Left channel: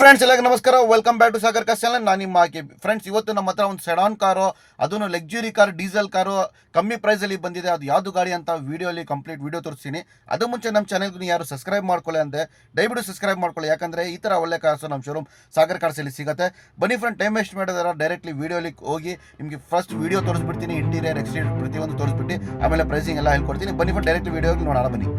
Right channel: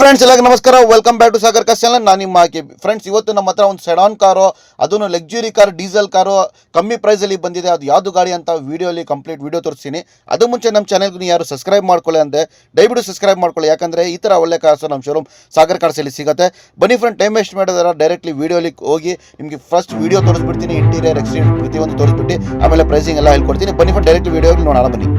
Friends ಎಲ್ಲರಿಗೂ ನಮಸ್ಕಾರ. Welcome back to Sagar cars channel. ನಾನು ನಿಮ್ಮ ಆಕೆ ಫ್ರೆಂಡ್ಸ್. ಇವತ್ತು ನಮ್ಮ ಹತ್ರ ಒಂದು ಸೆಡಾನ್ ಕಾರು, ಅದನ್ನು ಲಕ್ಸುರಿ ಕಾರ್, ಡೀಸೆಲ್ ಕಾರು ಕಮ್ಮಿ ಪ್ರೈಸಲ್ಲಿ ಬಂದಿದೆ. ಅದು ಯಾವುದು ಗಾಡಿ ಅಂತ ವಿಡಿಯೋಲಿ ಕಂಪ್ಲೀಟ್ ವಿಡಿಯೋ ತೋರಿಸ್ತೀನಿ. ಅದು ಮುಂಚೆ ನಮ್ಮ ಚಾನಲ್ಗೆ ಯಾರು ಸಬ್ಸ್ಕ್ರೈಬ್ ಮಾಡ್ಕೊಳ್ಳಿ ಅಂತೆ ದಯವಿಟ್ಟು ಸಬ್ಸ್ಕ್ರೈಬ್ ಮಾಡ್ಕೊಳ್ಳಿ, ಯಾಕಂದರೆ ಈ ಥರ ಒಳ್ಳೆ ಕಾರ್ಸು ನಮ್ಮ ಶೋರೂಮ್ ಸಾಗರ್ ಕಾರ್ಸಲ್ಲಿ ಸಿಗುತ್ತೆ. ಬನ್ನಿ ಫ್ರೆಂಡ್, ಟೈಮ್ ವೇಸ್ಟ್ ಮಾಡಿದಾರೆ ಡೈರೆಕ್ಟ್ಲಿ ವಿಡಿಯೋಲಿ ಹೋಗಿ ನಿಮಗೆ ಫಸ್ಟ್ ವಿಡಿಯೋ ತೋರಿಸ್ಬಿಡ್ತೀನಿ. ಇಂಟೀರಿಯರ್ ಎಕ್ಸ್ಟೀರಿಯರ್ ಪ್ರತಿಯೊಂದು ತೋರಿಸ್ಬಿಟ್ಟು ಆಮೇಲೆ ಪ್ರೈಸಿಂಗ್ ಎಲ್ಲ ಹೇಳ್ಕೊಡ್ತೀನಿ. ಬನ್ನಿ ಫ್ರೆಂಡ್, ಡೈರೆಕ್ಟ್ ವಿಡಿಯೋಲಿ ನೋಡೋಣ ಬನ್ನಿ.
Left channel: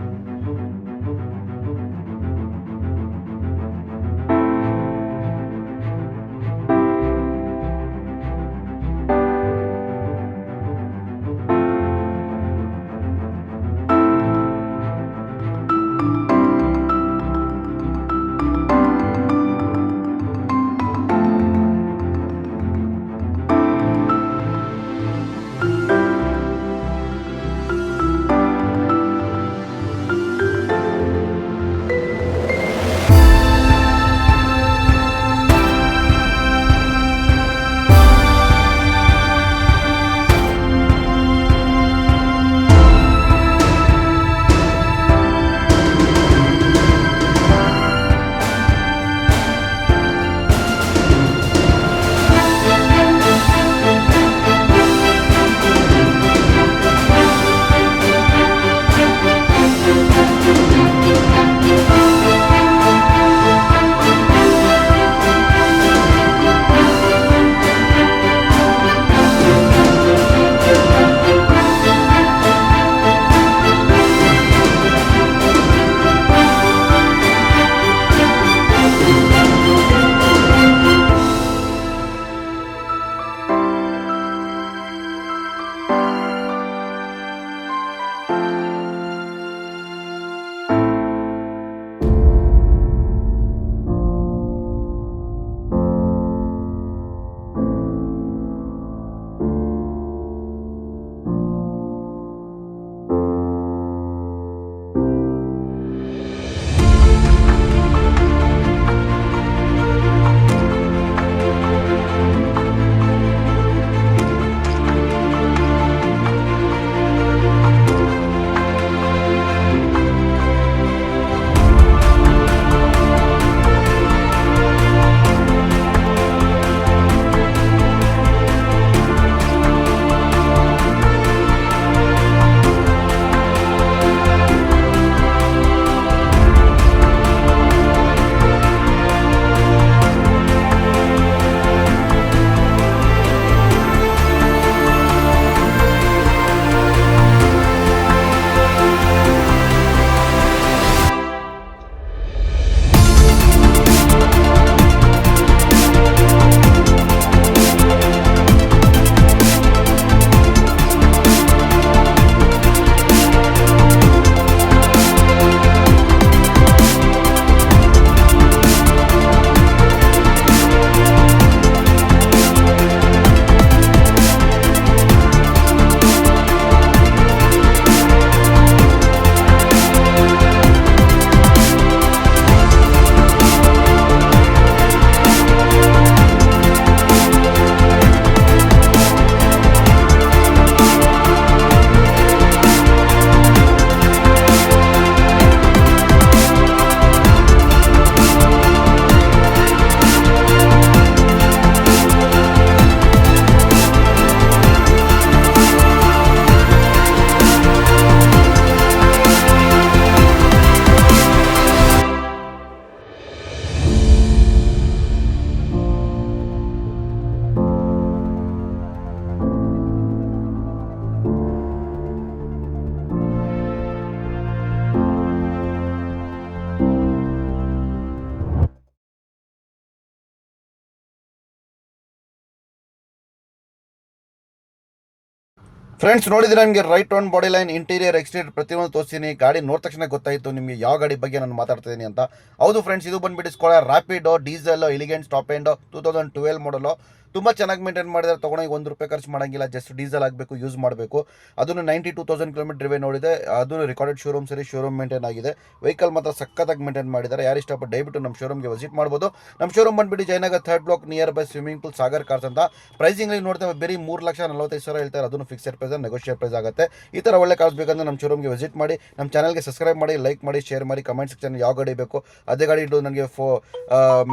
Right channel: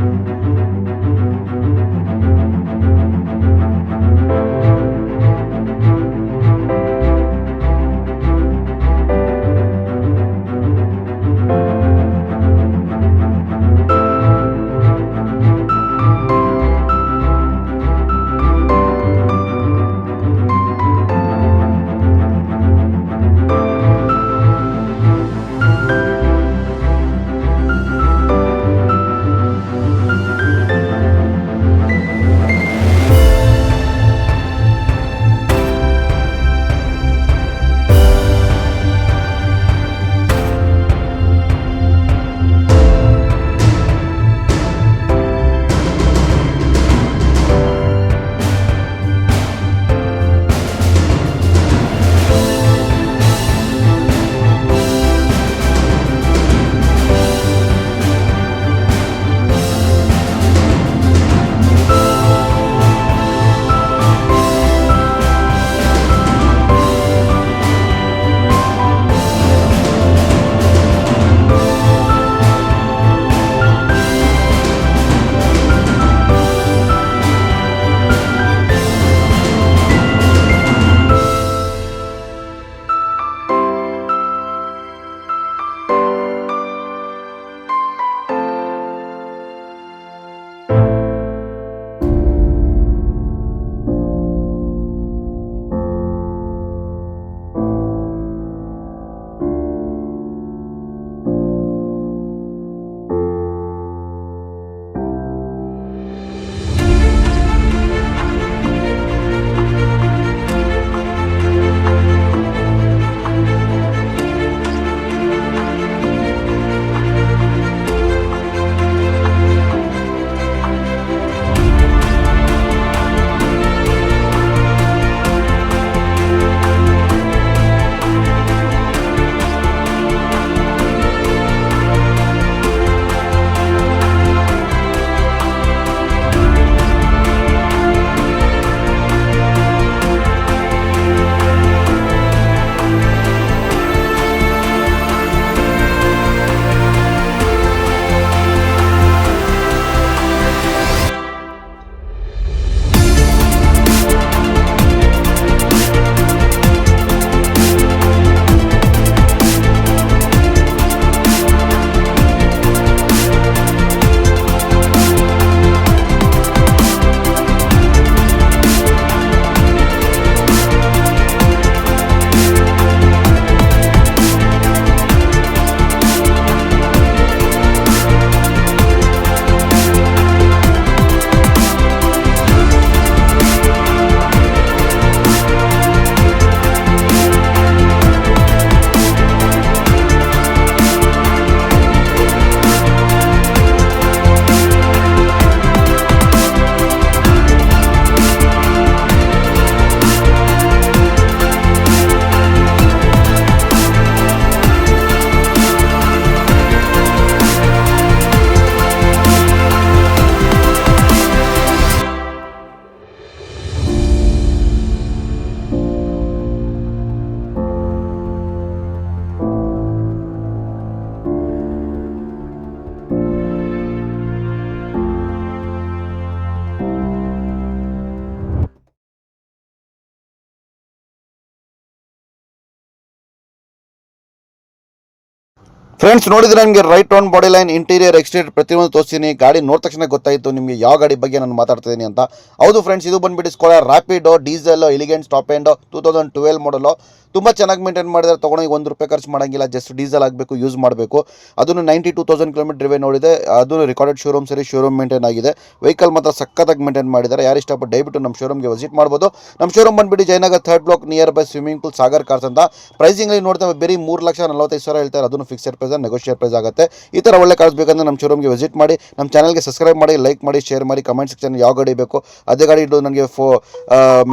ಫ್ರೆಂಡ್ಸ್, ನೋಡಿದ್ರೆ ನನಗೆ right on body line, interior exterior ಪ್ರತಿಯೊಂದು ತೋರಿಸ್ತೀನಿ. ಗಾಡಿ ನೋಡಿದ ತಕ್ಷಣ ಗೊತ್ತಾಯಿತು ನಿಮಗೆ ಯಾವ ಗಾಡಿ ಬಗ್ಗೆ ನಾನು ಮಾತಾಡ್ತಿದ್ದೀನಿ ಅಂತ. ಹೌದು ಫ್ರೆಂಡ್ಸ್, ಇದು ಬಂದುಬಿಟ್ಟು Skoda Rapido diesel elegant top end 2012 ಮಾಡಲು. ತುಂಬ ಚೆನ್ನಾಗಿ ಮೇಂಟೈನ್ ಮಾಡಿದರೆ ತೊಗೊಂಡೋಗಿ ₹1 ಖರ್ಚು ಮಾಡೋಂಗಿಲ್ಲ, ಜಸ್ಟ್ ಡೀಸೆಲ್ ಆಗಬೇಕು, ಯೂಸ್ ಮಾಡಬೇಕು. ಅದನ್ನು 92,000 ಕಿಲೋಮೀಟರ್ ಡ್ರೈವ್ ನೋಡಿದೆ. ಅದು ರೆಕಾರ್ಡೆಡ್ ಶೋರೂಮ್ ಸರಿ, ಶೋರೂಮ್ ಮೇಂಟೈನ್ ಆಗಿದೆ. ವೆಹಿಕಲ್ ಮಾತ್ರ ಸಕ್ಕತ್ತಾಗಿ ಮೇಂಟೈನ್ ಮಾಡಿದ್ದಾರೆ. ಯಾರು ಇಷ್ಟಪಟ್ಟು ದಯವಿಟ್ಟು ನಮ್ಮ ಶೋರೂಮ್ಗೆ ವಿಸಿಟ್ ಮಾಡ್ಬೋದು. ನಮ್ಮ ಶೋರೂಮ್ ಬಂದುಬಿಟ್ಟು Jayanagar 3rd block near by swimming pool Sagar cars ಅಂತ. ಪ್ರೈಸಿಂಗ್ಲಿ ನೋಡ್ತೇವೆ ಬರೀ 3,45,000 ಹೇಳ್ತಾರೆ. ಅದನ್ನು ಫಿಕ್ಸೆಡ್ ಪ್ರೈಸ್, ನೆಗೋಷಿಯೇಟ್ ಪ್ರೈಸ್ ಆಗುತ್ತೆ. ಈ ಥರ ಒಳ್ಳೆ ಕಾರ್ಸ್ ಬೇಕಂದ್ರೆ ನಮ್ಮ ಶೋರೂಮ್ಗೆ ವಿಸಿಟ್ ಮಾಡಿ. ನಮ್ಮ ಚಾನಲ್ಗೆ ಸಬ್ಸ್ಕ್ರೈಬ್ ಮಾಡಿ, ಲೈಕ್ ಮಾಡಿ, ಶೇರ್ ಮಾಡಿ. ಕಮೆಂಟ್ ಸೆಕ್ಷನ್ ಯಾವ ಗಾಡಿ ಬೇಕು ಅದೇ ಗಾಡಿ ಇಟ್ಟು ನನಗೆ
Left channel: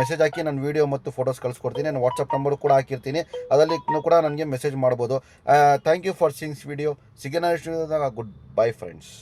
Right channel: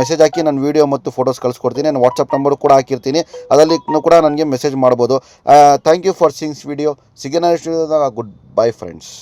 ಮೆಸೇಜ್ ಹಾಕಿ ನಾನು ವೀಡಿಯೋ ಮತ್ತು ಫೋಟೋಸ್ ಕಳಿಸ್ಕೊಡ್ತೀನಿ. ನಾನು ವಾಟ್ಸಪ್ ನಂಬರು ಕೂಡ ಹಾಕಿರ್ತೀನಿ, ಅದರಲ್ಲಿ ಕೂಡ ನನಗೆ ಮೆಸೇಜ್ ಮಾಡ್ಬೋದು. Thank you for seeing video. ಸಿಗೋಣ ನೆಕ್ಸ್ಟ್ ವಿಡಿಯೋದಾಗ. Good bye friends.